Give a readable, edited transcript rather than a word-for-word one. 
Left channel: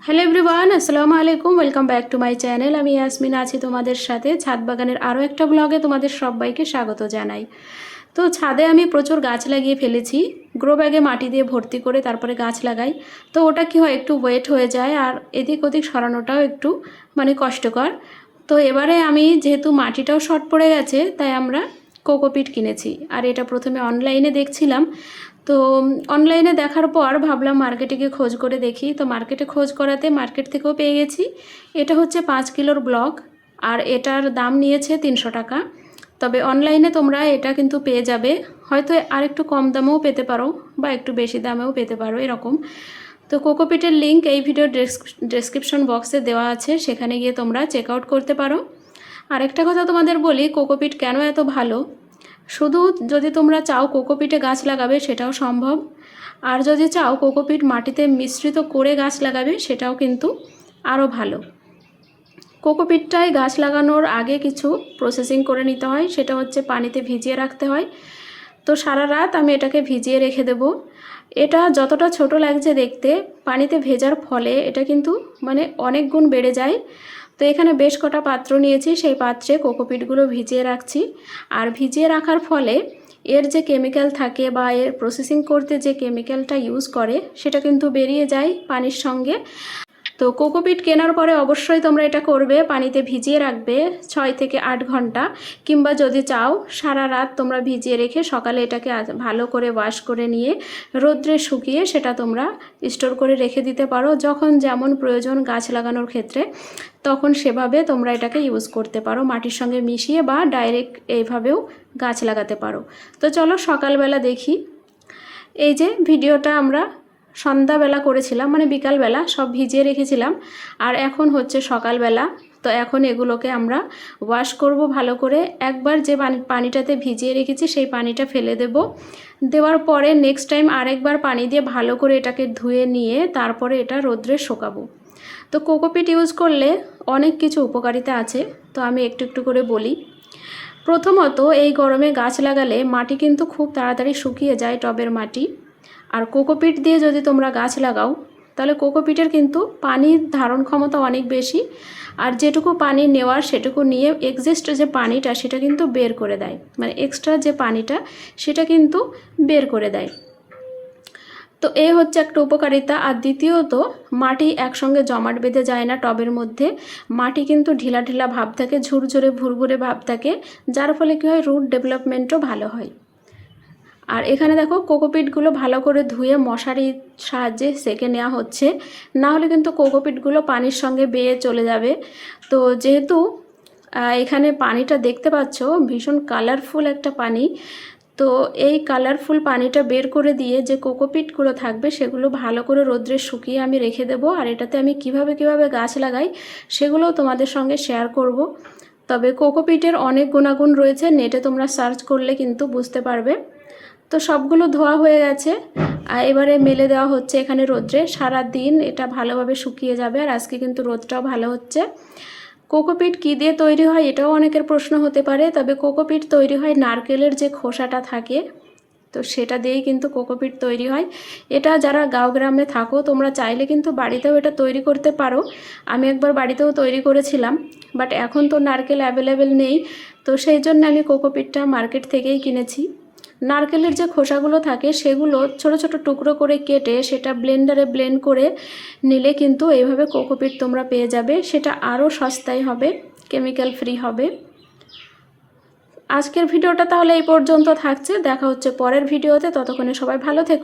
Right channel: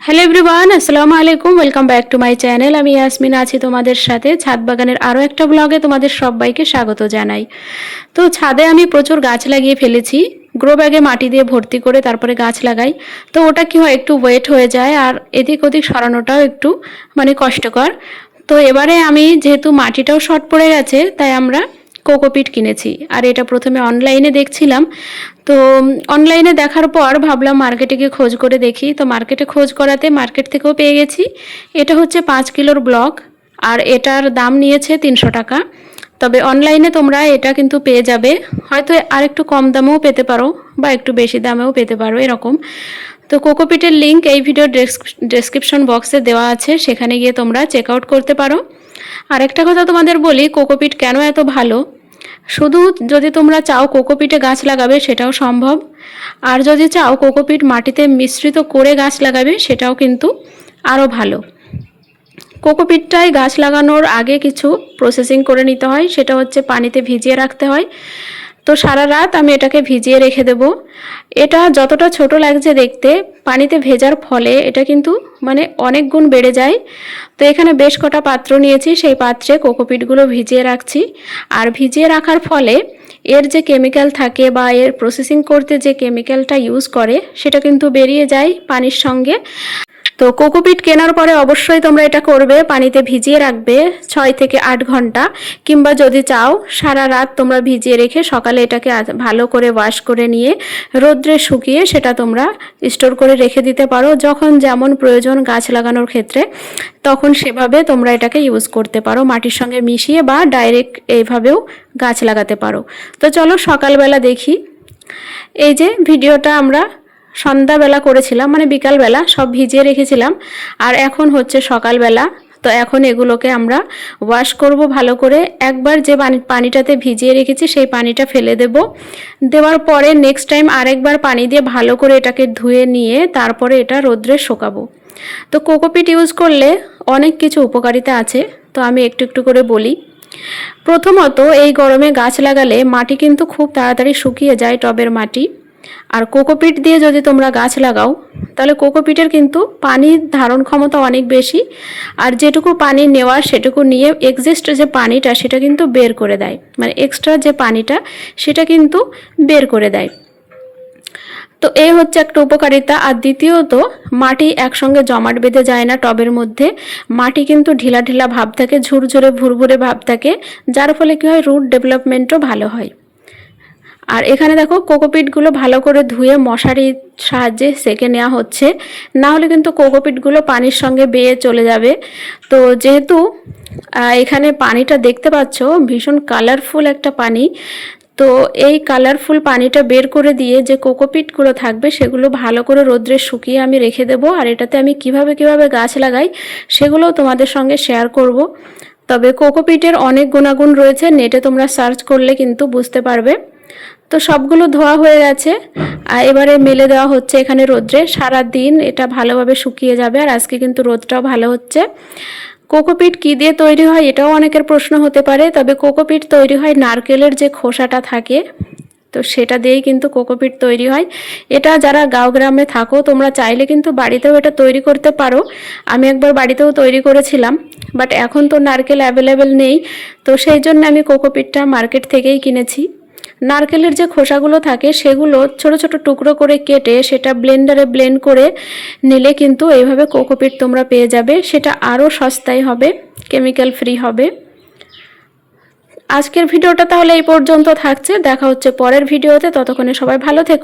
Hello everyone, আসসালামু আলাইকুম। Welcome back to my channel. আমি ইয়াসমিন আছি তোমাদের সাথে। ছাদ বাগানের আরও একটা ব্লগে তোমাদের সবাইকে স্বাগত জানাই। তো ছাদে আমি প্রচুর গাছ লাগিয়ে ফেলেছি। গ্রো ব্যাগে মাটি দিয়ে ভর্তি করে তারপরে গাছ লাগাই। তো ওটা কি হয়, একটু ওয়েট হয়ে যায় আর এদিক ওদিক সরানোটাও একটু কষ্টকর। তো এবারে আমি যেহেতু মাটিটাও শর্ট পড়ে গেছে, তাই আমরা কোকোপিট কিনেছি। আর এটা প্রথমে অনলাইনে দেখছিলাম। তো অনলাইনে দেখার পর ভাবলাম মার্কেটে গিয়ে খোঁজ করে দেখি। তো মার্কেটে খোঁজ করাতে মার্কেট থেকেও পেয়ে গেছি। এটা হচ্ছে 5 কিলোর ব্লক আর এটার দাম নিয়েছে 300 টাকা। তবে অনলাইনে তোমরা এটা কিন্তু পেয়ে যাবে, হয়তো আর একটু কম দামেও পেতে পারো বা একটু বেশি দামেও পেতে পারো এরকম। তো কোকোপিটের লিঙ্ক এই ভিডিওর ডেসক্রিপশন বক্সে দেওয়া আছে, সেখানে গিয়ে তোমরা চেক আউট করতে পারো। আরেকটা কথা তোমাদের বলি, কোকোপিট কেন এত ভালো। শুধু যদি তোমরা চাও কোকোপিটে গাছ লাগাবে সেটাও সম্ভব, আর যদি চাও কোকোপিট মাটিতে মিশ্রিত করে গাছ লাগাবে সেটাও কিন্তু আরও ভালো। কোকোপিটটায় গাছ লাগানোর আগে কিছু প্রসেসিং করে নিতে হয়, সেটা হচ্ছে পানিতে ভিজিয়ে রাখতে হয়। তো সারা রাত আমি এটাকে ভিজিয়ে রেখে দেব। এটা যতটা ছোট লাগছে দেখতে, পানিতে ভেজার ফলে এটা কিন্তু অনেক গুণ বেড়ে যায়। তো এখানে বেশ কটা পাত্র নিয়েছি, সেই পাত্রে কোকোপিটগুলো ভিজিয়ে রাখছি। আর ভিজিয়ে রাখার ফলে এর যে কেমিক্যাল থাকে বা এর প্রসেসিং করতে যে কেমিক্যালটা ইউজ করে সেটা কিন্তু বেরিয়ে যায় পানির সঙ্গে। তো কোকোপিট কেনার পরে অবশ্যই তোমরা এটা করবে, পানিতে ভিজিয়ে রাখবে 6 থেকে 8 ঘন্টা, কিংবা যদি চাও সারা রাত তোমরা ভিজিয়ে রেখে সকালে এটাকে ভালো করে ওয়াশ করে নিয়ে রোদ্রে শুকিয়ে সেটা তোমরা স্টোর করে রেখে দিতে পারো। যখন যেমন প্রয়োজন গাছ লাগানোর ক্ষেত্রে তখন সেভাবে তোমরা এটাকে ইউজ করতে পারো, মাটির সঙ্গে মিশিয়ে বা ডাইরেক্ট এইভাবেও গাছ লাগাতে পারো। তো চলো সকালবেলা দেখি। এই যে ভিডিওটা আমরা সন্ধ্যাবেলা করেছিলাম, বিকালবেলা সব ভিজিয়ে রেখেছিলাম, আর এখন হচ্ছে সকালবেলা। তো এখন এগুলোকে আমরা ওয়াশ করব ভালো করে। একবার যে পানিটাতে ভিজিয়ে রেখেছি সেই পানিটা ফেলে দেব। দেওয়ার পরে নেক্সট টাইম আরেকবার পানি দিয়ে ভালো করে এটাকে ধুয়ে নিয়ে তারপরে এটা রোদ্রে শুকাবো। তো কোকোপিট ইউজ করলে অনেক কিছু উপকারিতা আছে, তো আমি একটু একটু করে বলি। প্রথমত, এই গরমে গাছ লাগালে মাটি কিন্তু খুব তাড়াতাড়ি শুকিয়ে যায়, টবের মাটি। আর কোকোপিট দিয়ে যদি তোমরা গাছ লাগাও তাহলে কোকোপিটের কিন্তু পানির ধারণ ক্ষমতা অনেক বেশি, আর যেটুকু পানি নেওয়ার সেটুকু নিয়ে এক্সিস্ট যে পানিটা সেটা কিন্তু বের করে দেয়, এক্সট্রা যে পানিটা সেটা কিন্তু বের করে দেয়। তো এই হচ্ছে একটা উপকারিতা। আর দ্বিতীয়ত, মাটি একসঙ্গে জমাট বেঁধে যায় না টবের মধ্যে, মাটি কিন্তু ঢিলা ঢিলা ভাব থাকে, ঝুরঝুরে ভুরভুরে ভাব থাকে, যার ফলে কী হয়, রুট ডেভেলপমেন্টও ভালো হয়। আর এখানে দেখো কোকোপিটগুলো ভালো করে ধুয়ে মশারির সাহায্যে সেকে নেওয়া হচ্ছে, না হলে কিন্তু কোকোপিটগুলো পানির সঙ্গে বেয়ে চলে যাবে। তো যেহেতু এখানে পানিটা দেখতে পাচ্ছ ভীষণ কালারফুল একটা পানি, তো এই কালারফুল পানিটা বের করে দিয়ে যে কোকোপিটগুলো থাকবে সেগুলো ভালো করে রোদ্রে শুকিয়ে আমি রেখে দেবো। আর এটাতে আমি কিভাবে গাছ লাগাই সেগুলোও তোমাদের সঙ্গে শেয়ার করব। তবে কোকোপিটের অনেক গুণাগুণ রয়েছে, নেটে তোমরা সার্চ করলে কিন্তু বুঝতে পারবে। তো সবগুলো ধোয়া হয়ে গেছে, আর এবারে মেলে দেওয়া হচ্ছে এখানে রোদ্রে। সারা দিন এটা ভালোভাবে শুকিয়ে যাবে, আর আজকে কিন্তু রোদটাও ভালো হচ্ছে। কোকোপিট কী দিয়ে তৈরি হয় এটাও অনেকের প্রশ্ন হতে পারে। তবে কোকোপিট তৈরি হয় নারকেলের যে খোসাটা থাকে, তো সেটা দিয়েই কিন্তু কোকোপিট তৈরি হয়। এটা যারা গাঁও গ্রামে থাকো তোমরা চাইলে কিন্তু বাড়িতেও এটা তৈরি করতে পারো। আমি একবার বাড়িতেও তৈরি করেছিলাম, বাট এখন তো নারকেল অ্যাভেলেবেল নেই, তো সেই জন্য আমি কোকোপিটটা মার্কেট থেকেই কিনেছি। নারকেলের যে খোসাগুলো থাকে সেগুলো ছোট ছোট টুকরো করে কেটে সেটা ব্লেন্ডারে ব্লেন্ড করে নিলে কিন্তু এইভাবে কোকোপিট তোমরা পেয়ে যাবে। সেটা আরও সস্তায় হবে, কেমিক্যাল ফ্রি হবে। আজকের ভিডিওটা তাহলে এই পর্যন্ত থাকছে, দেখা হচ্ছে পরের ভিডিওতে। ততক্ষণে সবাই ভালো থেকো।